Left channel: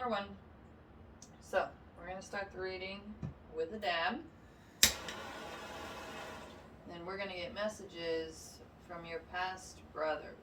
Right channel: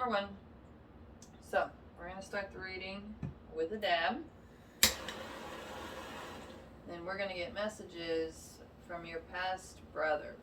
number 1. So, we're going to start the reading with a dab. And we're going to get messages from your past brother.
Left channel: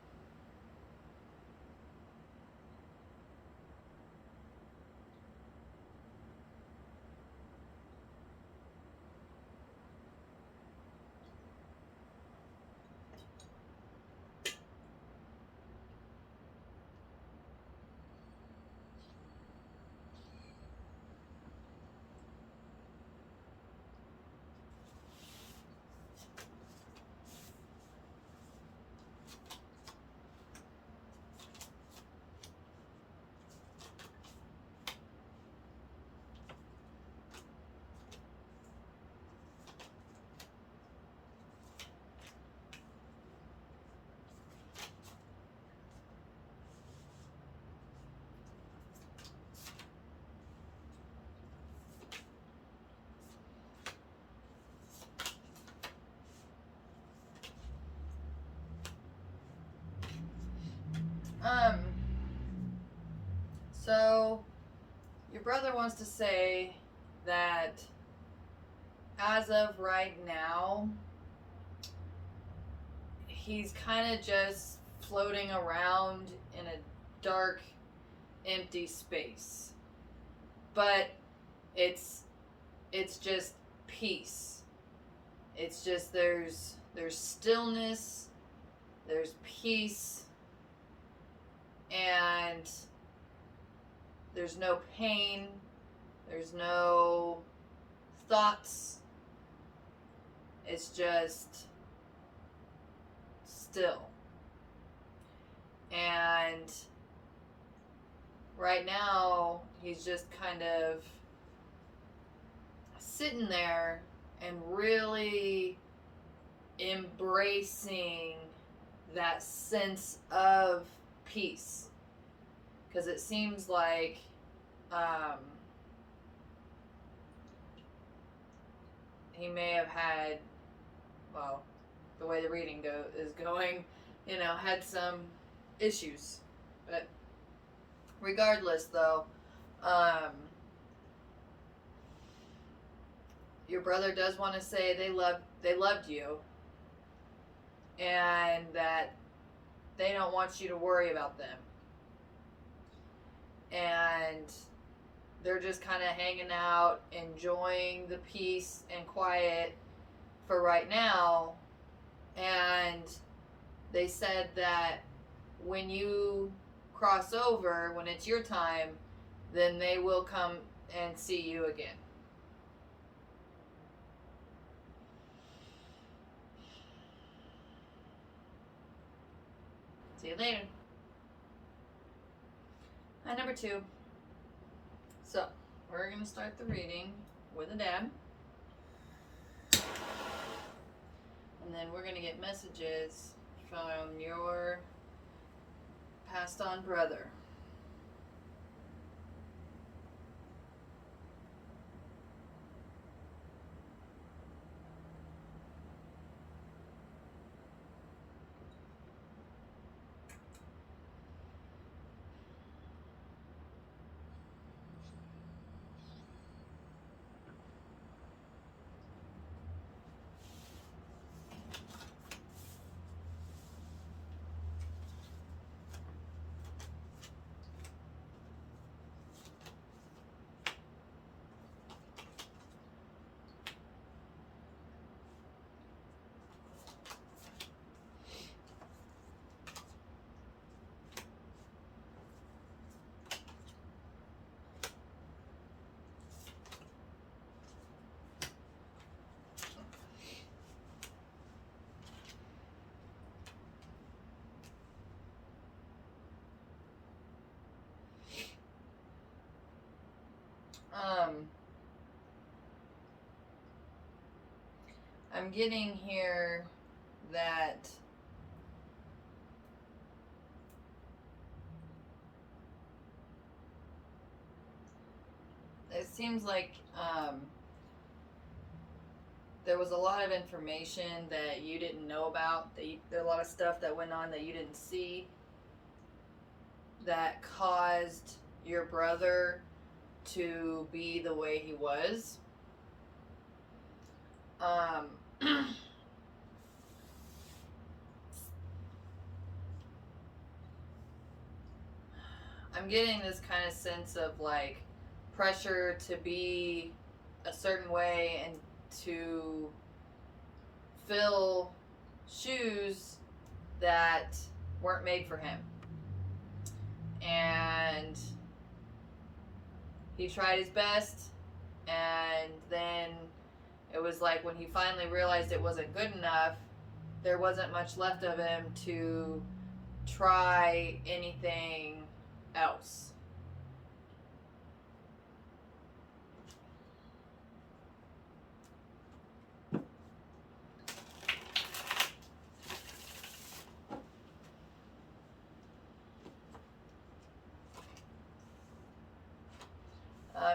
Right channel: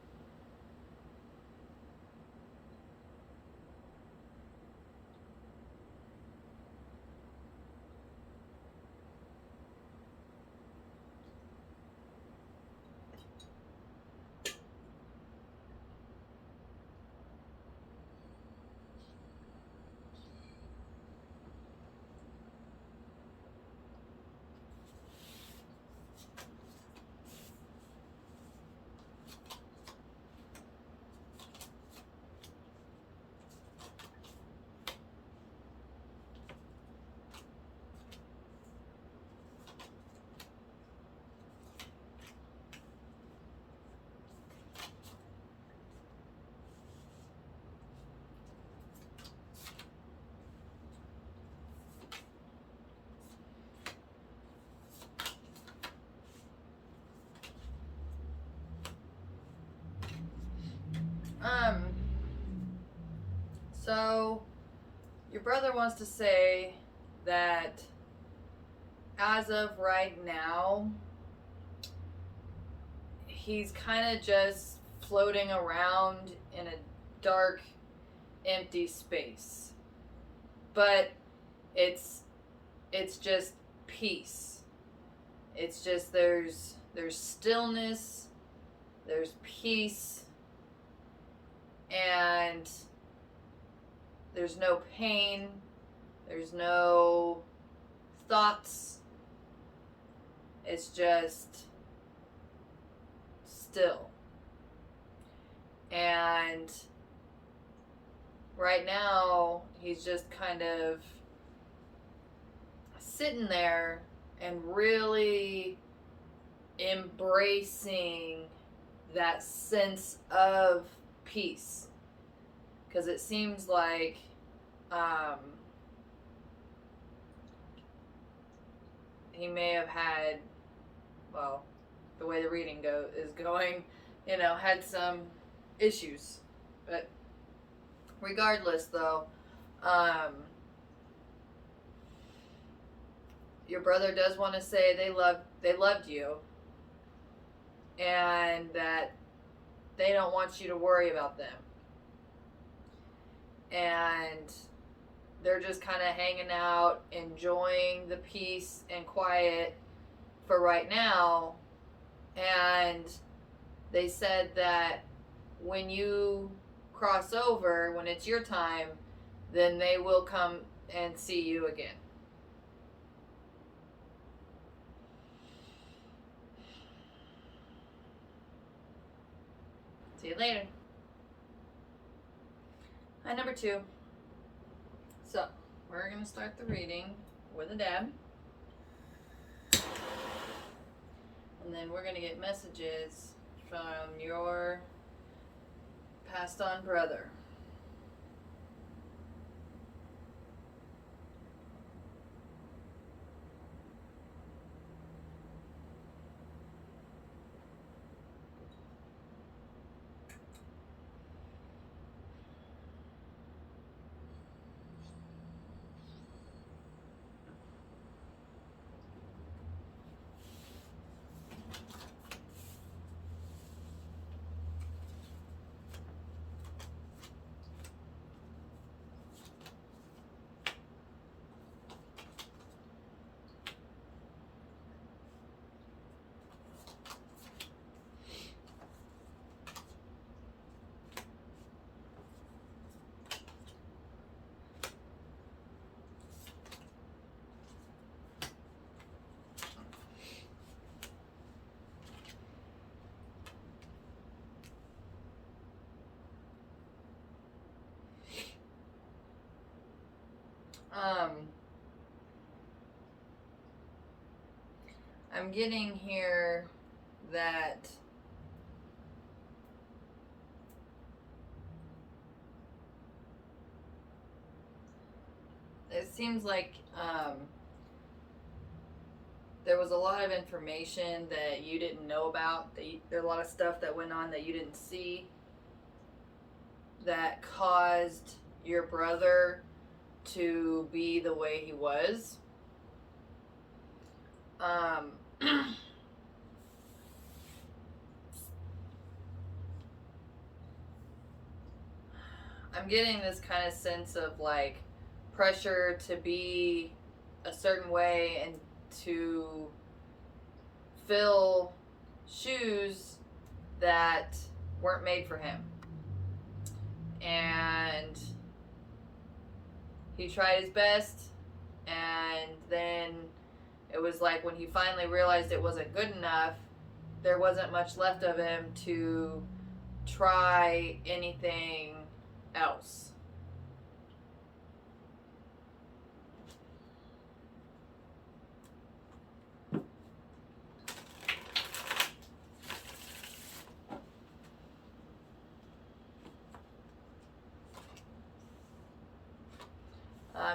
So your brother wants to say that as of right now, he's kind of just floating around in a dark, empty space. But it's just peace. It's just there's stillness, there's peace, and there's no pain, there's no thoughts. It's just still. And right now, he's just kind of sitting there and really embracing that sense of peace. Because it seems like he may have had, well, the way the reading is going, had some issues. But regardless, though, your brother does want to say they loved you, and that they don't want you to worry about them. And they're just kind of hanging out, enjoying the peace and quiet for right now. And they said that when you cross over, when it's your time, then they will come and see you again. See you later. Hi, number 2. So, we're going to start the reading with a dab. And then we're going to get messages from your passed on brother. I'm getting here that it seems like there was a lot of information that you didn't know about. There are a lot of stuff that went on that you didn't see that caused your brother to be the way he was. I'm getting this kind of sense of like pressure to be a certain way and to fill shoes that weren't made for him. And he tried his best, and then it was like when he finally realized it wasn't good enough, there wasn't much left of him to try anything else.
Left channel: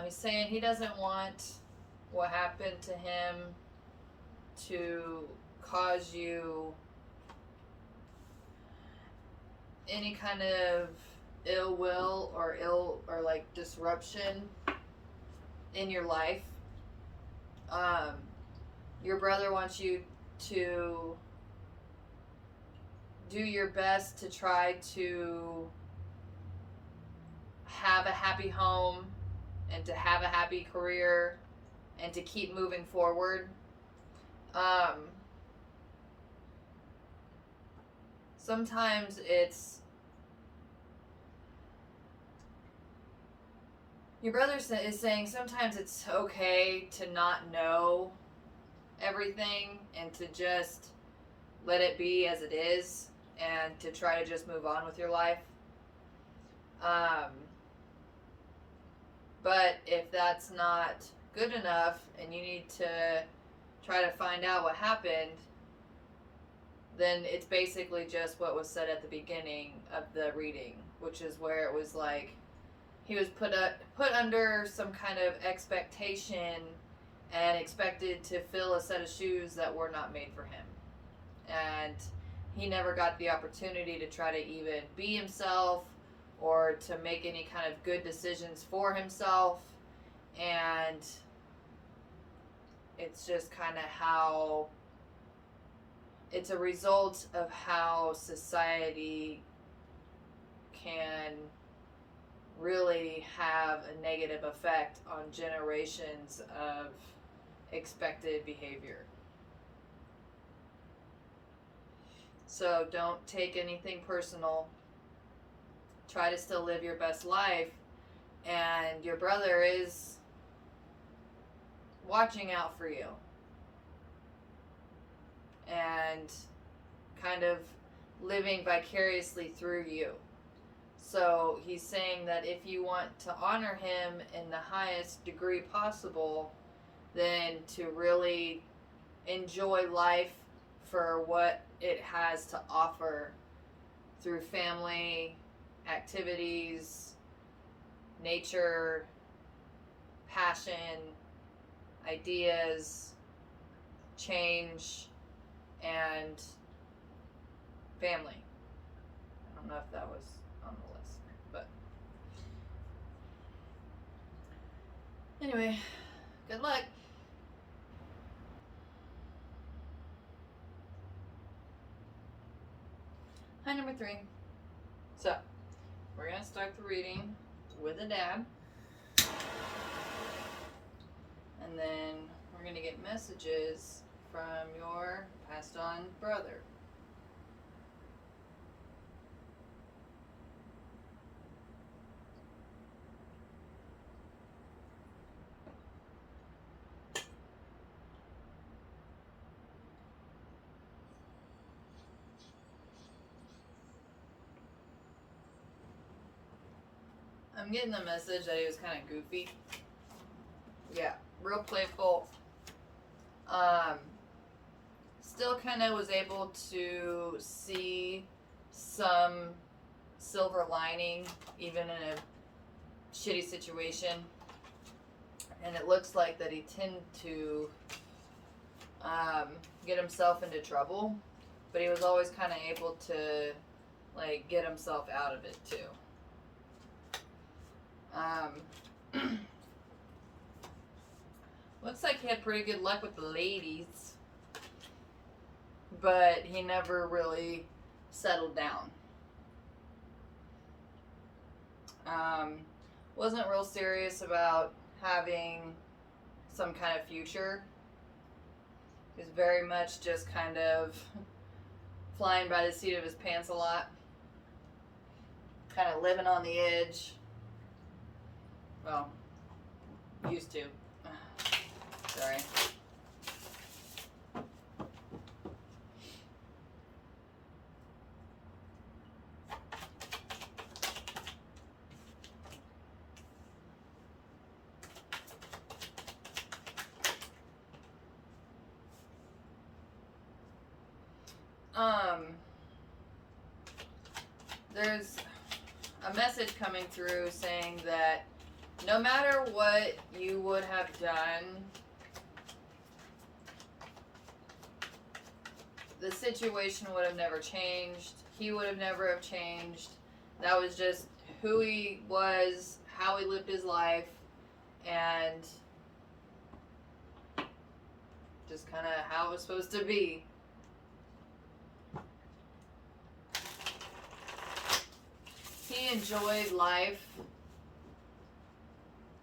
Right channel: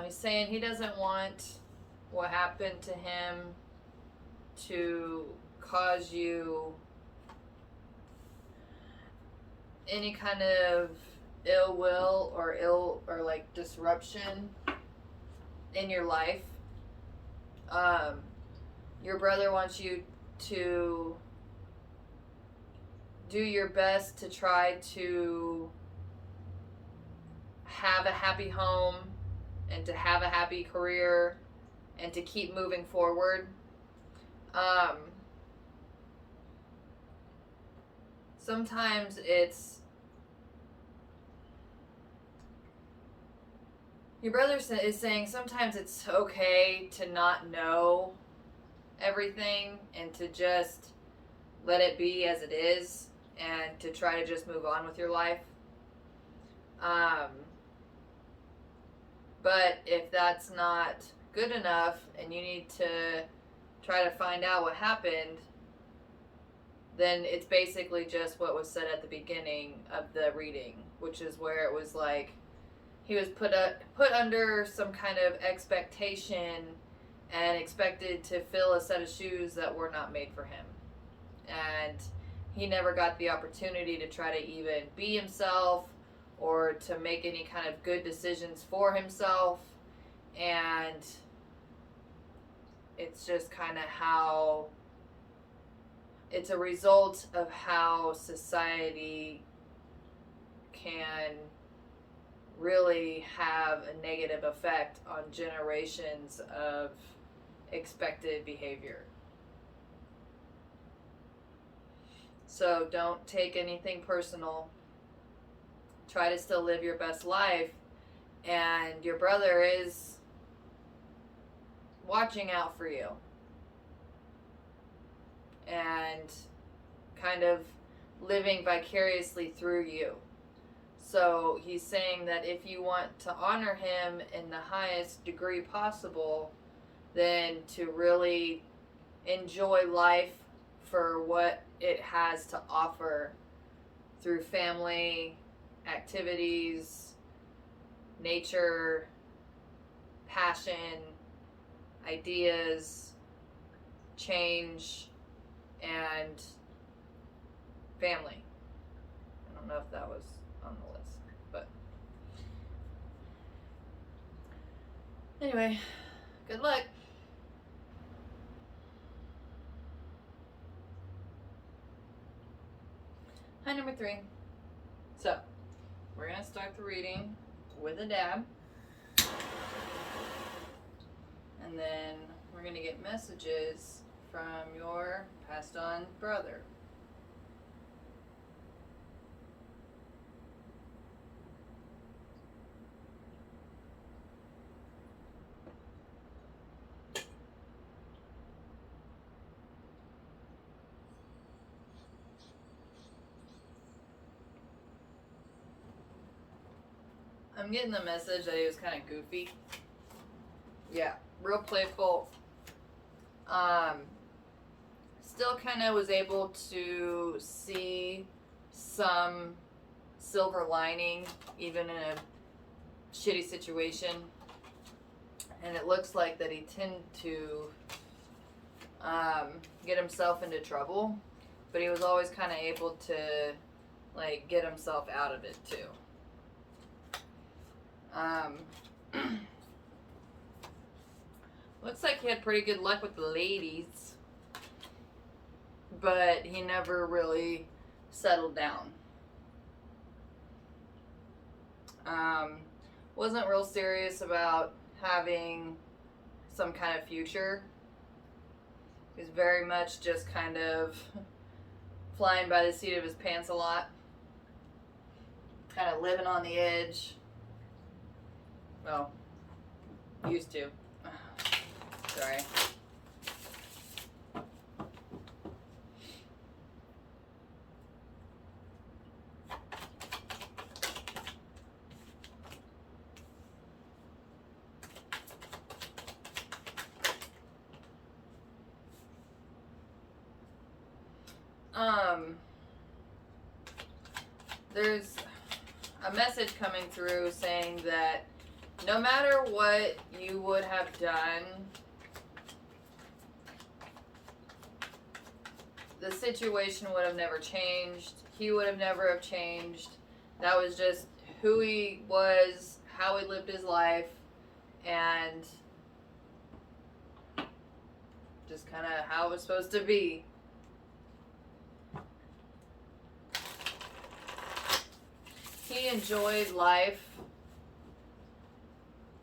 He's saying he doesn't want what happened to him to cause you any kind of ill will or like disruption in your life. Your brother wants you to do your best to try to have a happy home and to have a happy career and to keep moving forward. Sometimes your brother is saying sometimes it's okay to not know everything and to just let it be as it is and to try to just move on with your life. But if that's not good enough and you need to try to find out what happened, then it's basically just what was said at the beginning of the reading, which is where it was like he was put under some kind of expectation and expected to fill a set of shoes that were not made for him. And he never got the opportunity to try to even be himself or to make any kind of good decisions for himself. And it's just kind of how it's a result of how society can really have a negative effect on generations of expected behavior. So don't take anything personal. Try to still live your best life. And your brother is watching out for you and kind of living vicariously through you. So he's saying that if you want to honor him in the highest degree possible, then to really enjoy life for what it has to offer through family, activities, nature, passion, ideas, change, and family. I don't know if that was on the list, but anyway, good luck. Hi, number 3. So, we're going to start the reading with a dab. And then we're going to get messages from your passed on brother. I'm getting the message that he was kind of goofy. Yeah, real playful. Still kind of was able to see some silver lining even in a shitty situation. And it looks like that he tended to get himself into trouble, but he was always kind of able to like get himself out of it too. Looks like he had pretty good luck with the ladies, but he never really settled down. Wasn't real serious about having some kind of future. He was very much just kind of flying by the seat of his pants a lot. Kind of living on the edge. Well, used to. Sorry. There's a message coming through saying that no matter what you would have done, the situation would have never changed. He would have never have changed. That was just who he was, how he lived his life, and just kind of how it was supposed to be. He enjoyed life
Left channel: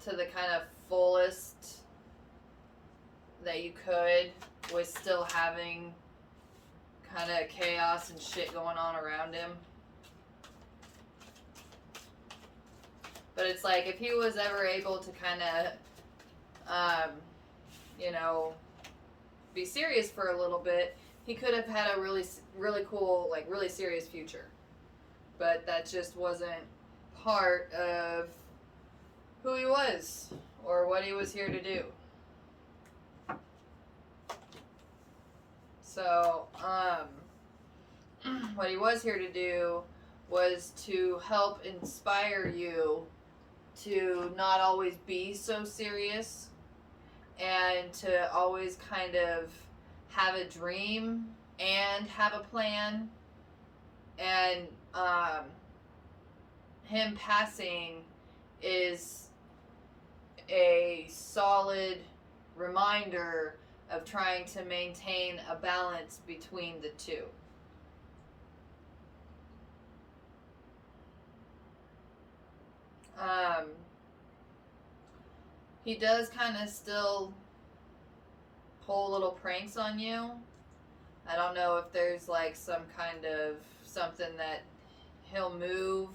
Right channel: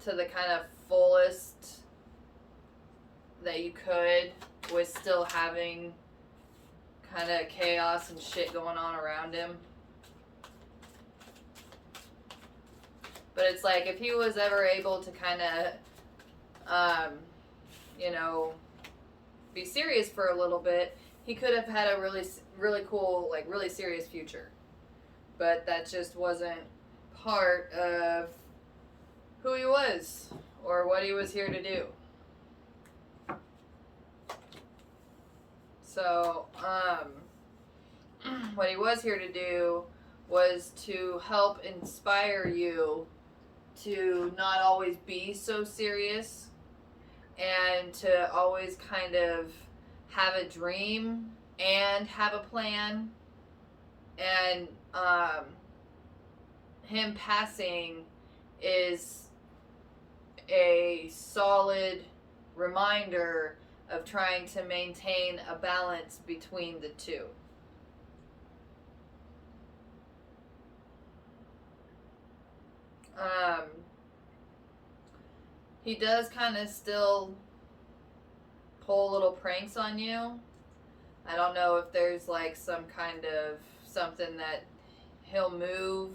to the kind of fullest that you could, with still having kind of chaos and shit going on around him. But it's like, if he was ever able to kind of, be serious for a little bit, he could have had a really, really cool, like really serious future. But that just wasn't part of who he was or what he was here to do. So, what he was here to do was to help inspire you to not always be so serious and to always kind of have a dream and have a plan. And him passing is a solid reminder of trying to maintain a balance between the two. He does kind of still pull little pranks on you. I don't know if there's like some kind of something that he'll move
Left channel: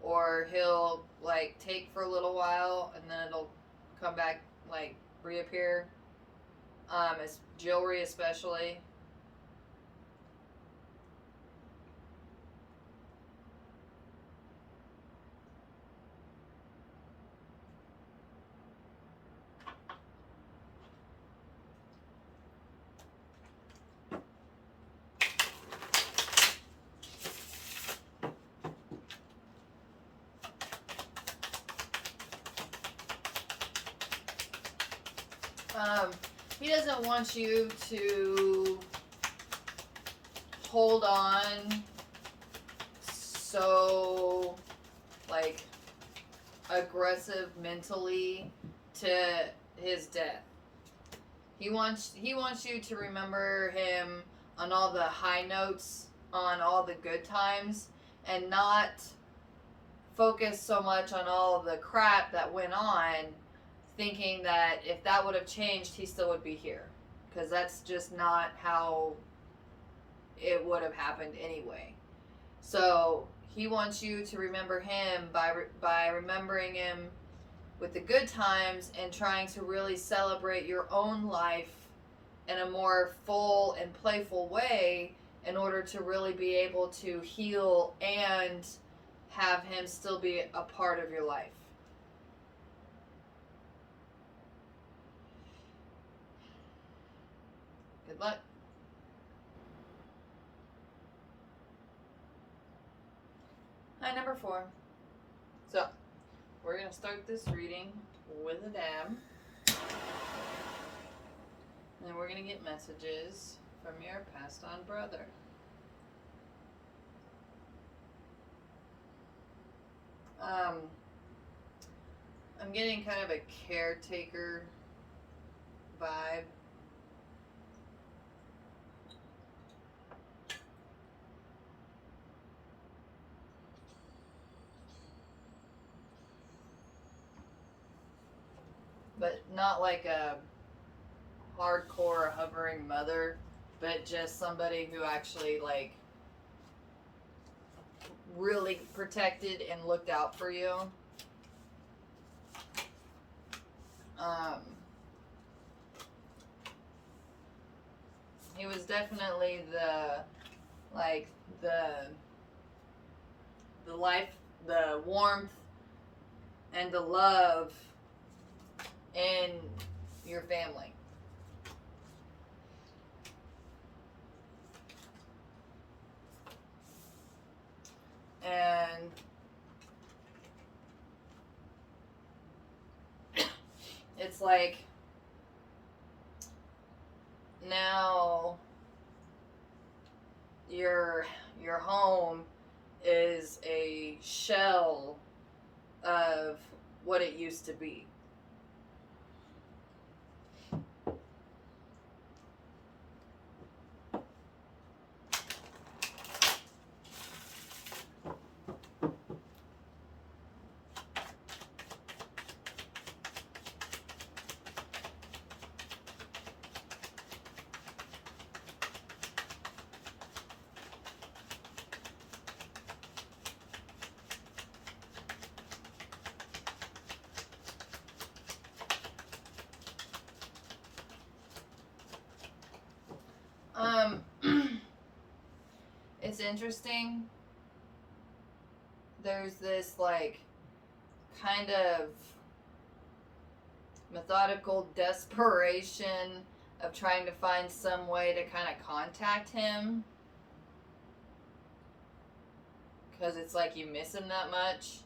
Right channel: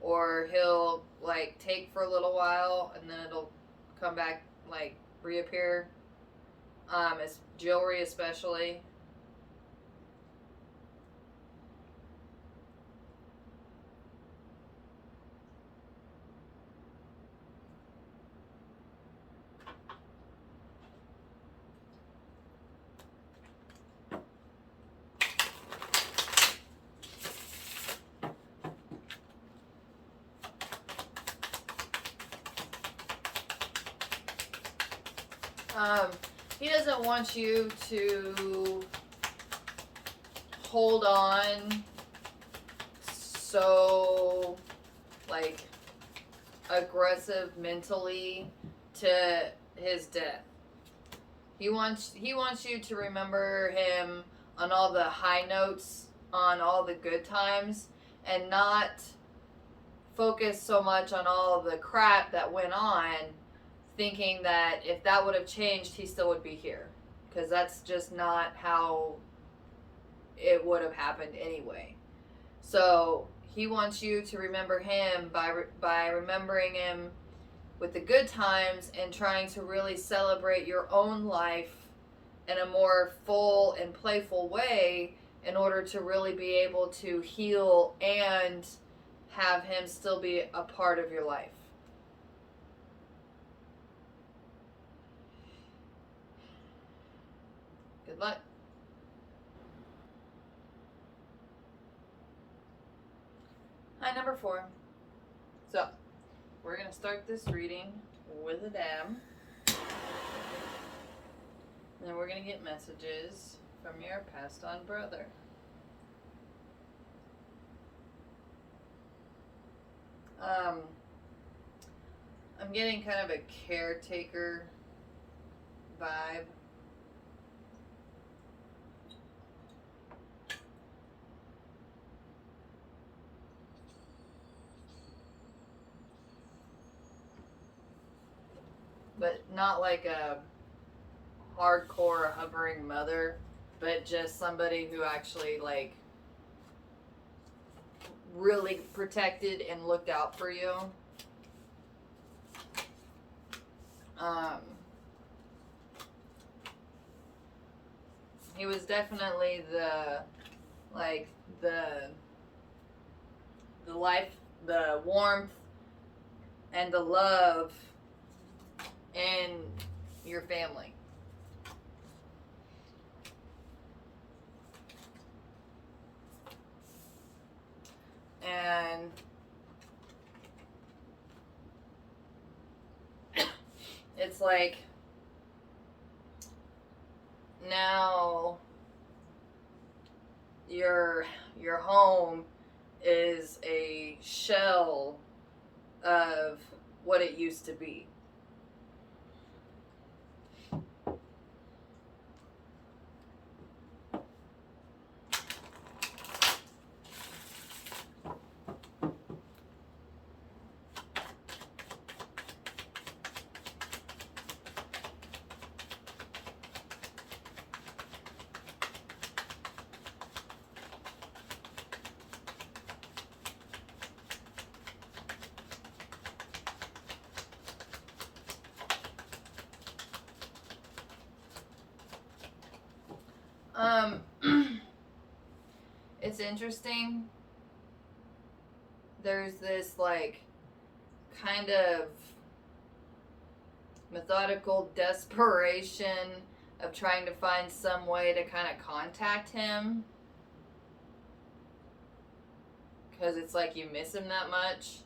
or he'll like take for a little while and then it'll come back, like reappear. It's jewelry especially. He doesn't want you to hold on so, like, aggressive mentally to his death. He wants you to remember him on all the high notes, on all the good times, and not focus so much on all the crap that went on, thinking that if that would have changed, he still would be here. Because that's just not how it would have happened anyway. So he wants you to remember him by remembering him with the good times and trying to really celebrate your own life in a more full and playful way in order to really be able to heal and have him still be a part of your life. Good luck. Hi, number 4. So, we're going to start this reading with a dab. And then we're going to get messages from your passed on brother. I'm getting kind of a caretaker vibe. But not like a hardcore hovering mother, but just somebody who actually like really protected and looked out for you. He was definitely the life, the warmth, and the love in your family. And it's like now your home is a shell of what it used to be. It's interesting. There's this like kind of methodical desperation of trying to find some way to kind of contact him, because it's like you miss him that much.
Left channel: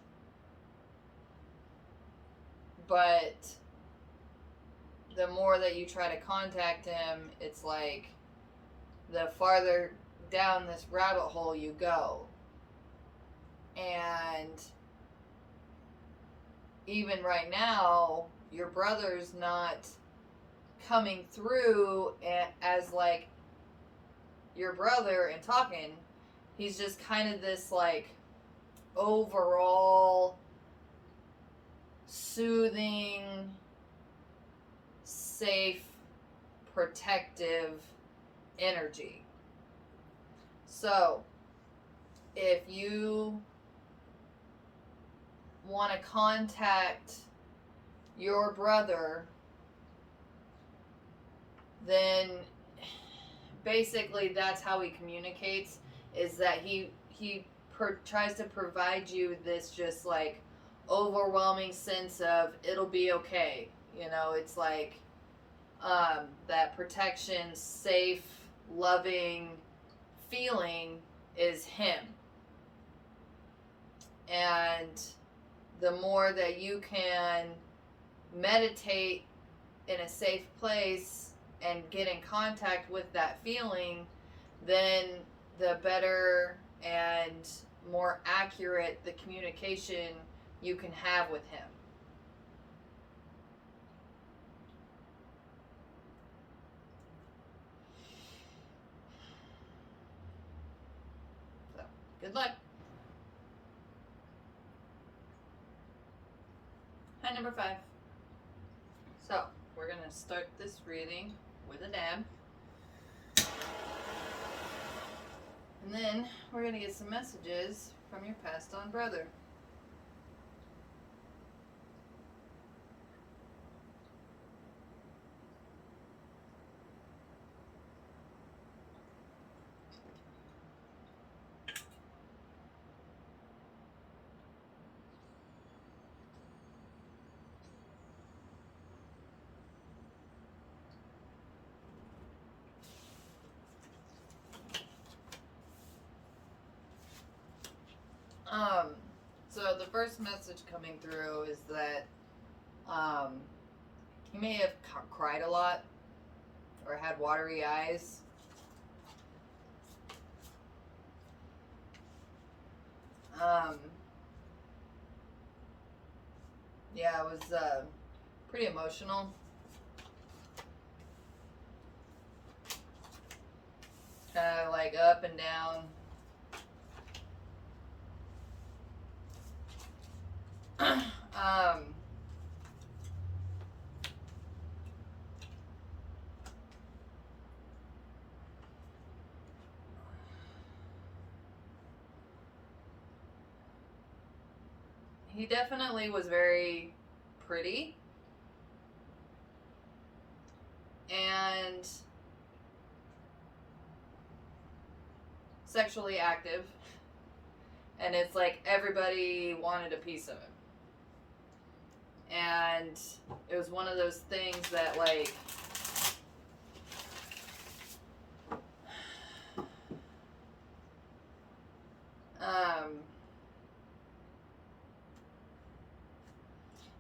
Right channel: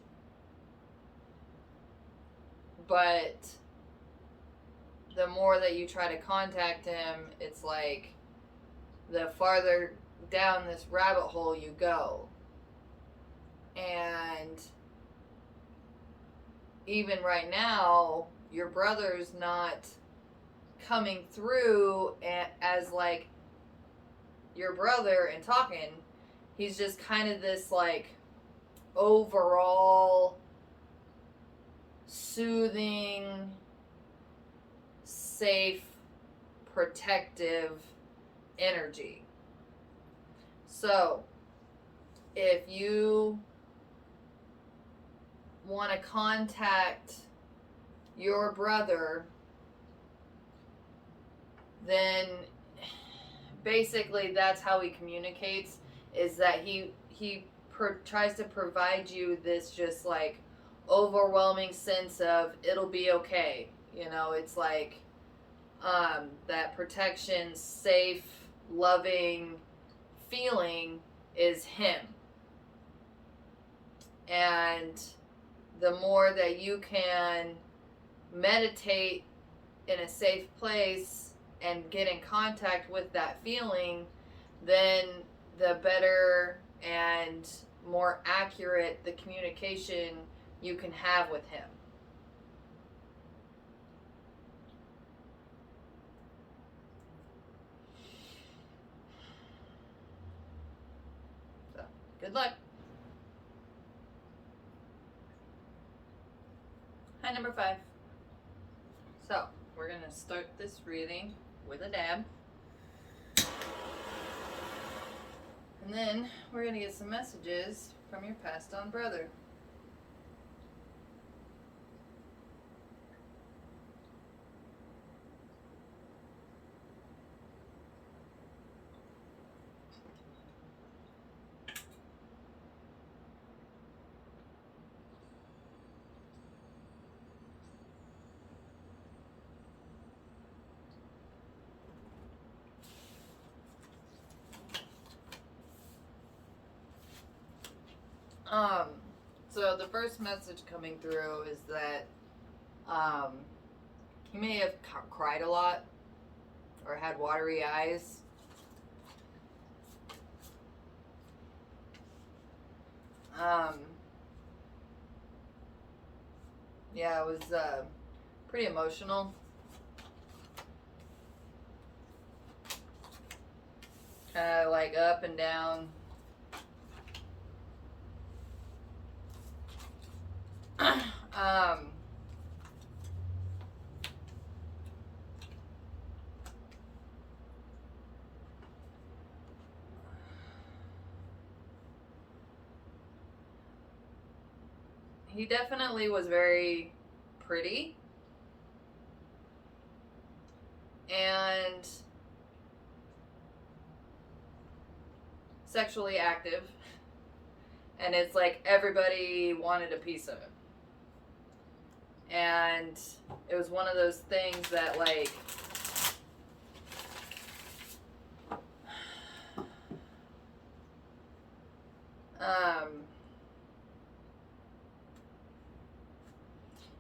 But the more that you try to contact him, it's like the farther down this rabbit hole you go. And even right now, your brother's not coming through as like your brother and talking. He's just kind of this like overall soothing, safe, protective energy. So if you want to contact your brother, then basically that's how he communicates, is that he tries to provide you this just like overwhelming sense of it'll be okay. You know, it's like that protection, safe, loving feeling is him. And the more that you can meditate in a safe place and get in contact with that feeling, then the better and more accurate the communication you can have with him. So, good luck. Hi, number 5. So, we're going to start this reading with a dab. And then we're going to get some messages from your passed on brother. So the first message coming through is that you may have cried a lot or had watery eyes. Yeah, it was pretty emotional. Kind of like up and down. um, he definitely was very pretty and sexually active, and it's like everybody wanted a piece of him. And it was one of those things that, like,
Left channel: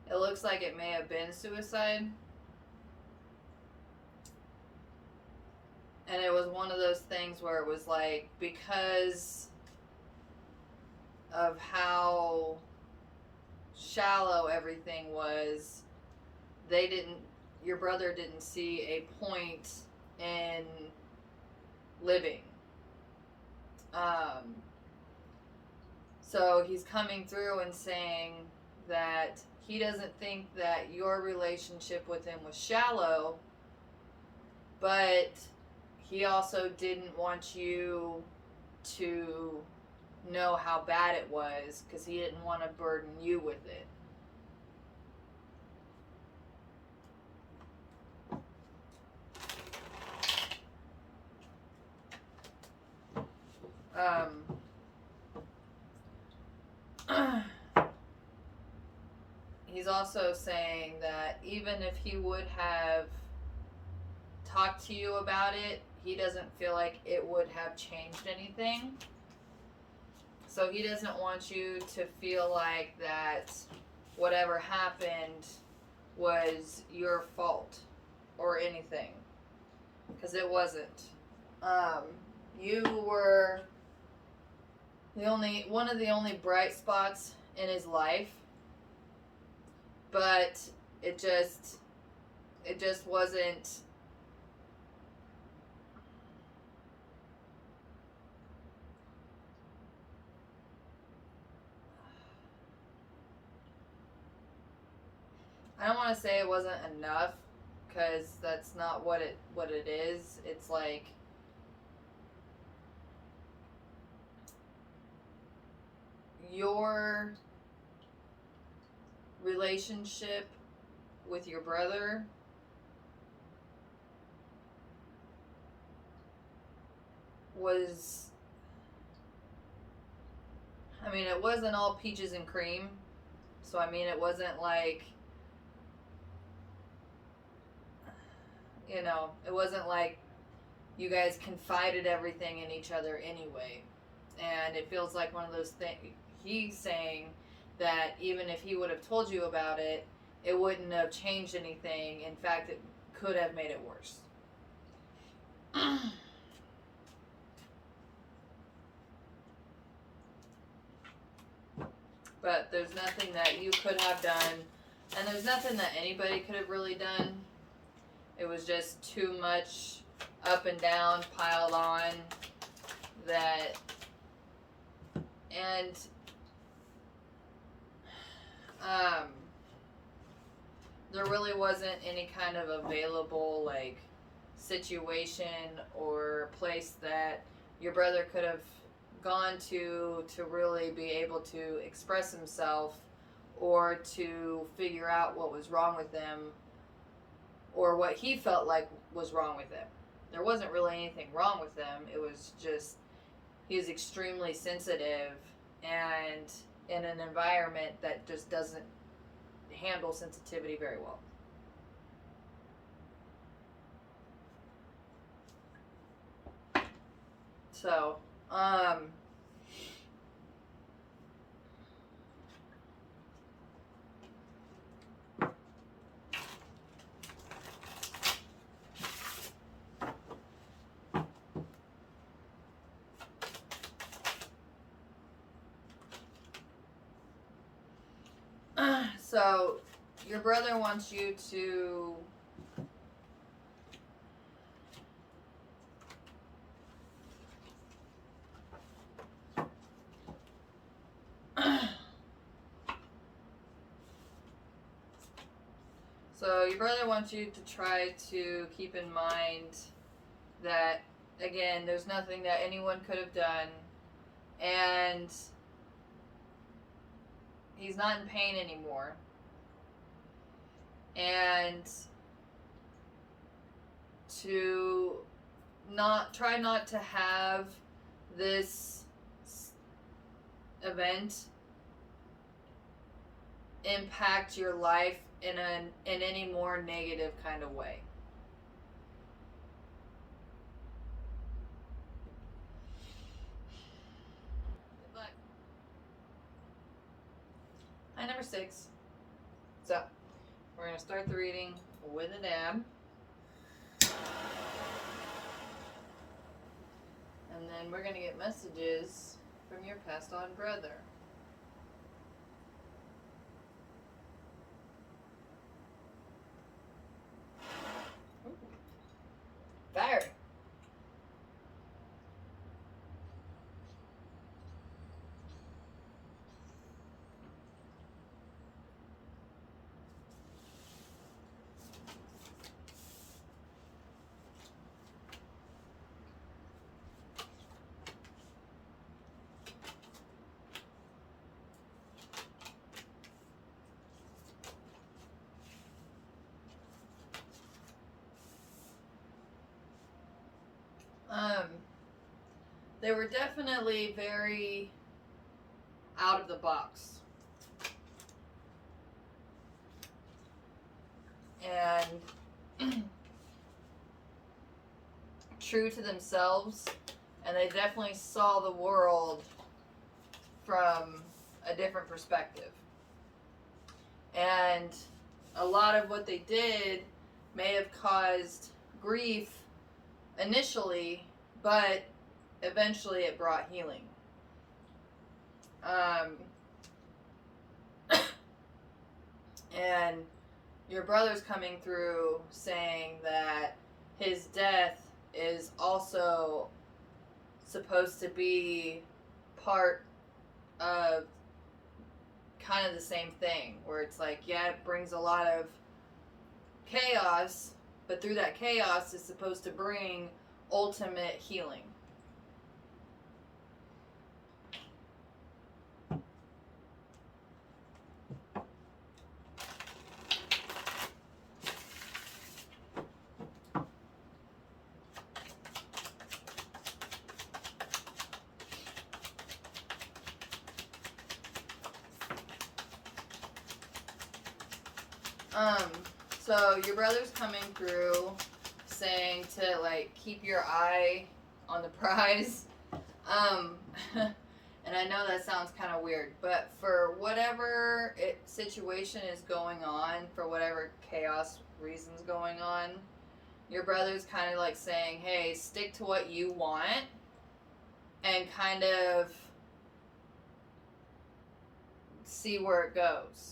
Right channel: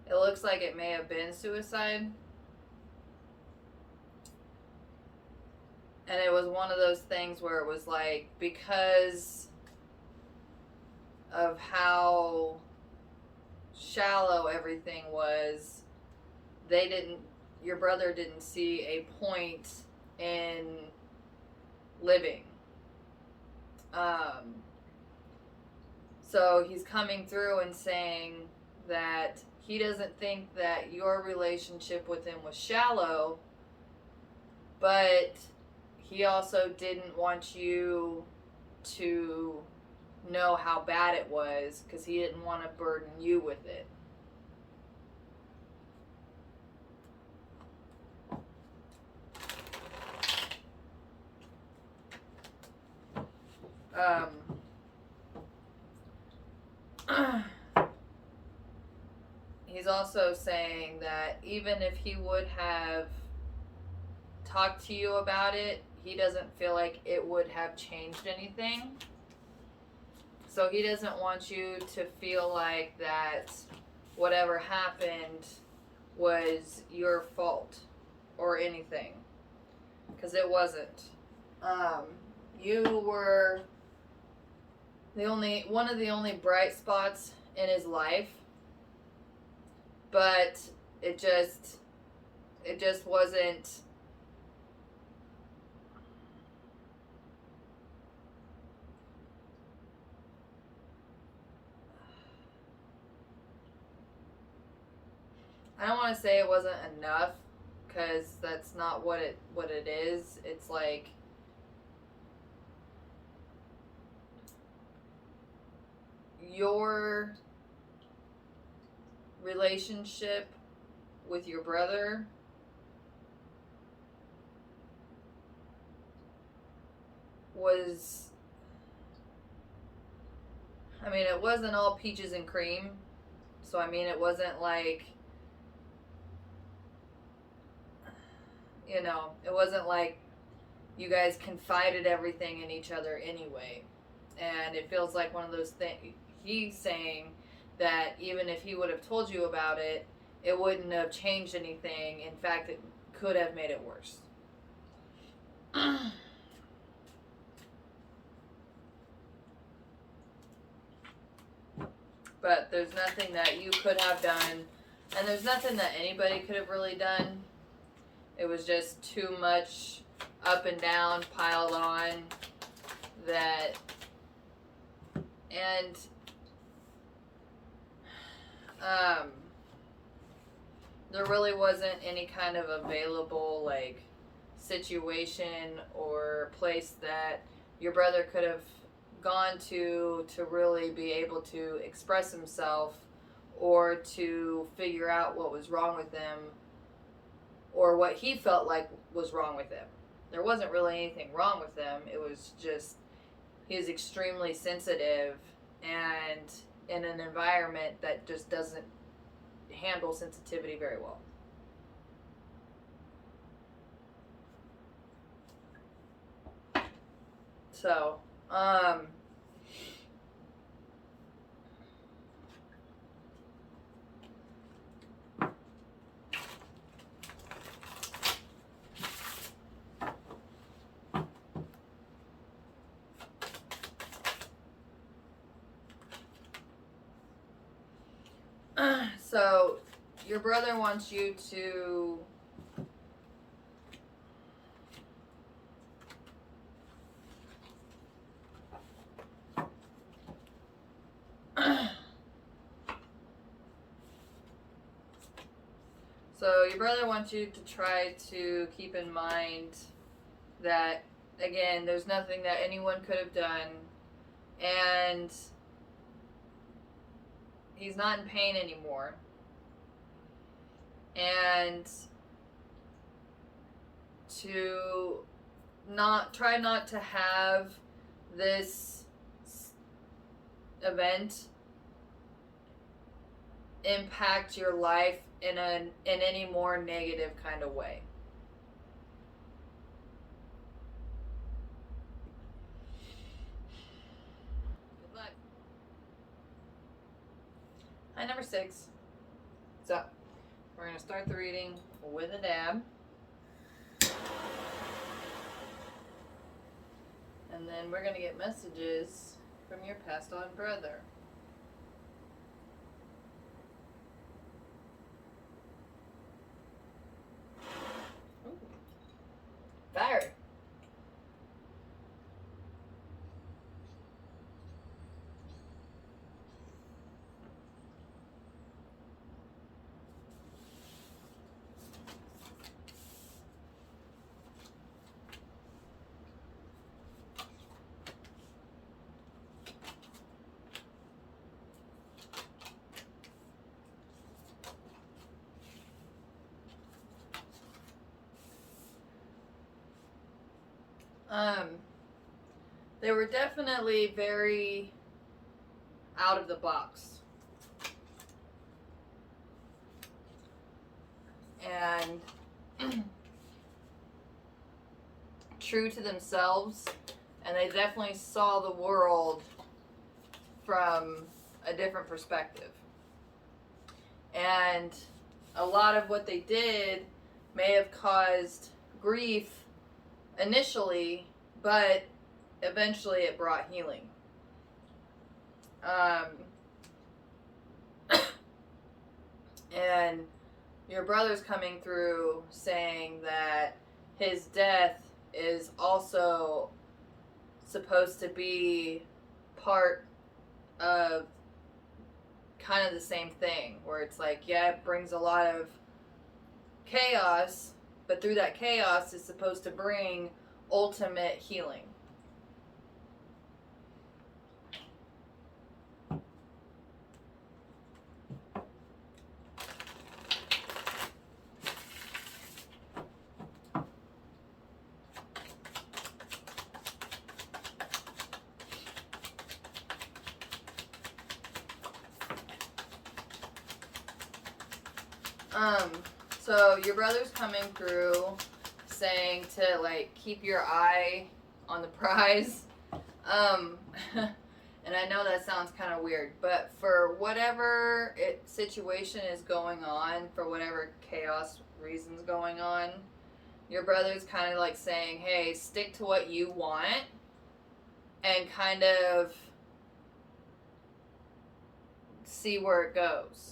it looks like it may have been suicide. And it was one of those things where it was like, because of how shallow everything was, your brother didn't see a point in living. So he's coming through and saying that he doesn't think that your relationship with him was shallow, but he also didn't want you to know how bad it was because he didn't want to burden you with it. He's also saying that even if he would have talked to you about it, he doesn't feel like it would have changed anything. So he doesn't want you to feel like that whatever happened was your fault or anything, because it wasn't. You were one of the only bright spots in his life, but it just wasn't. I don't want to say it wasn't enough, because that's not what it is. It's like, your relationship with your brother was, I mean, it wasn't all peaches and cream. So, I mean, it wasn't like, it wasn't like you guys confided everything in each other anyway. And it feels like one of those things. He's saying that even if he would have told you about it, it wouldn't have changed anything. In fact, it could have made it worse. But there's nothing that you could have done, and there's nothing that anybody could have really done. It was just too much up and down piled on that, and there really wasn't any kind of available, like, situation or place that your brother could have gone to really be able to express himself or to figure out what was wrong with him or what he felt like was wrong with him. There wasn't really anything wrong with him. It was just he was extremely sensitive and in an environment that just doesn't handle sensitivity very well. So, So, your brother wants you to so your brother wants you to try to keep in mind that, again, there's nothing that anyone could have done, and he's not in pain anymore. And to try not to have this event impact your life in any more negative kind of way. Good luck. Hi, number 6. So, we're going to start the reading with a dab. And then we're going to get messages from your passed on brother. Ooh. Fire. They were definitely very out of the box. And true to themselves, and they definitely saw the world from a different perspective. And a lot of what they did may have caused grief initially, but eventually it brought healing. And your brother's coming through saying that his death is also supposed to be part of kind of the same thing, where it's like, yeah, it brings a lot of chaos, but through that chaos is supposed to bring ultimate healing. So your brother's coming through saying to, like, keep your eye on the prize. And I know that sounds kind of weird, but for whatever situation is going on, for whatever chaos reasons going on, your brother's kind of like saying, hey, stick to what you want and kind of see where it goes.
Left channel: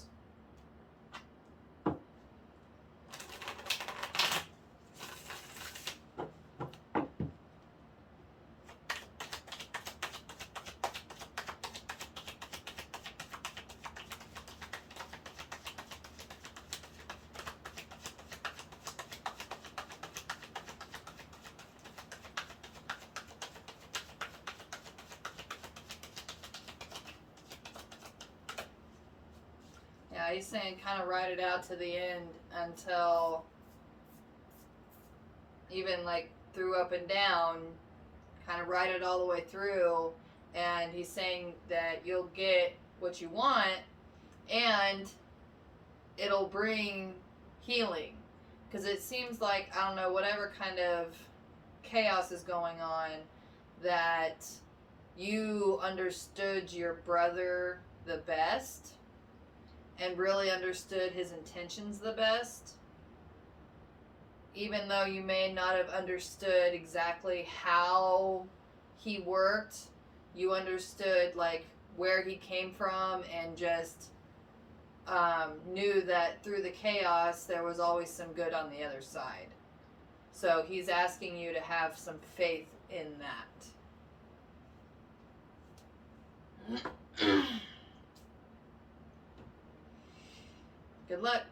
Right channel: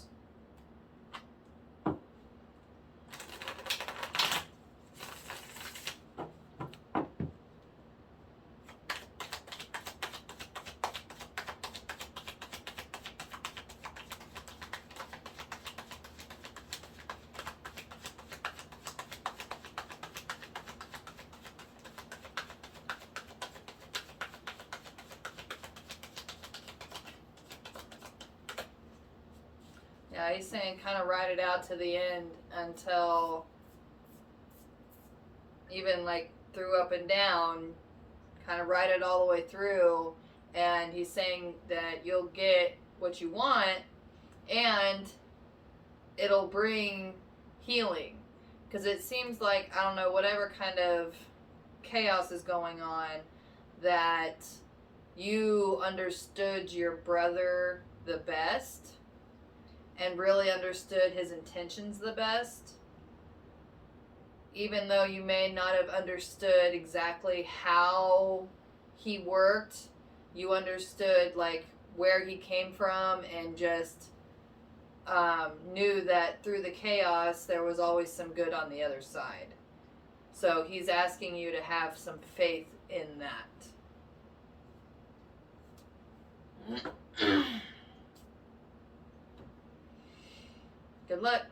Yeah, he's saying kind of ride it out to the end until, even like through up and down, kind of ride it all the way through. And he's saying that you'll get what you want and it'll bring healing. Because it seems like, I don't know, whatever kind of chaos is going on, that you understood your brother the best and really understood his intentions the best. Even though you may not have understood exactly how he worked, you understood like where he came from and just knew that through the chaos there was always some good on the other side. So he's asking you to have some faith in that. Good luck.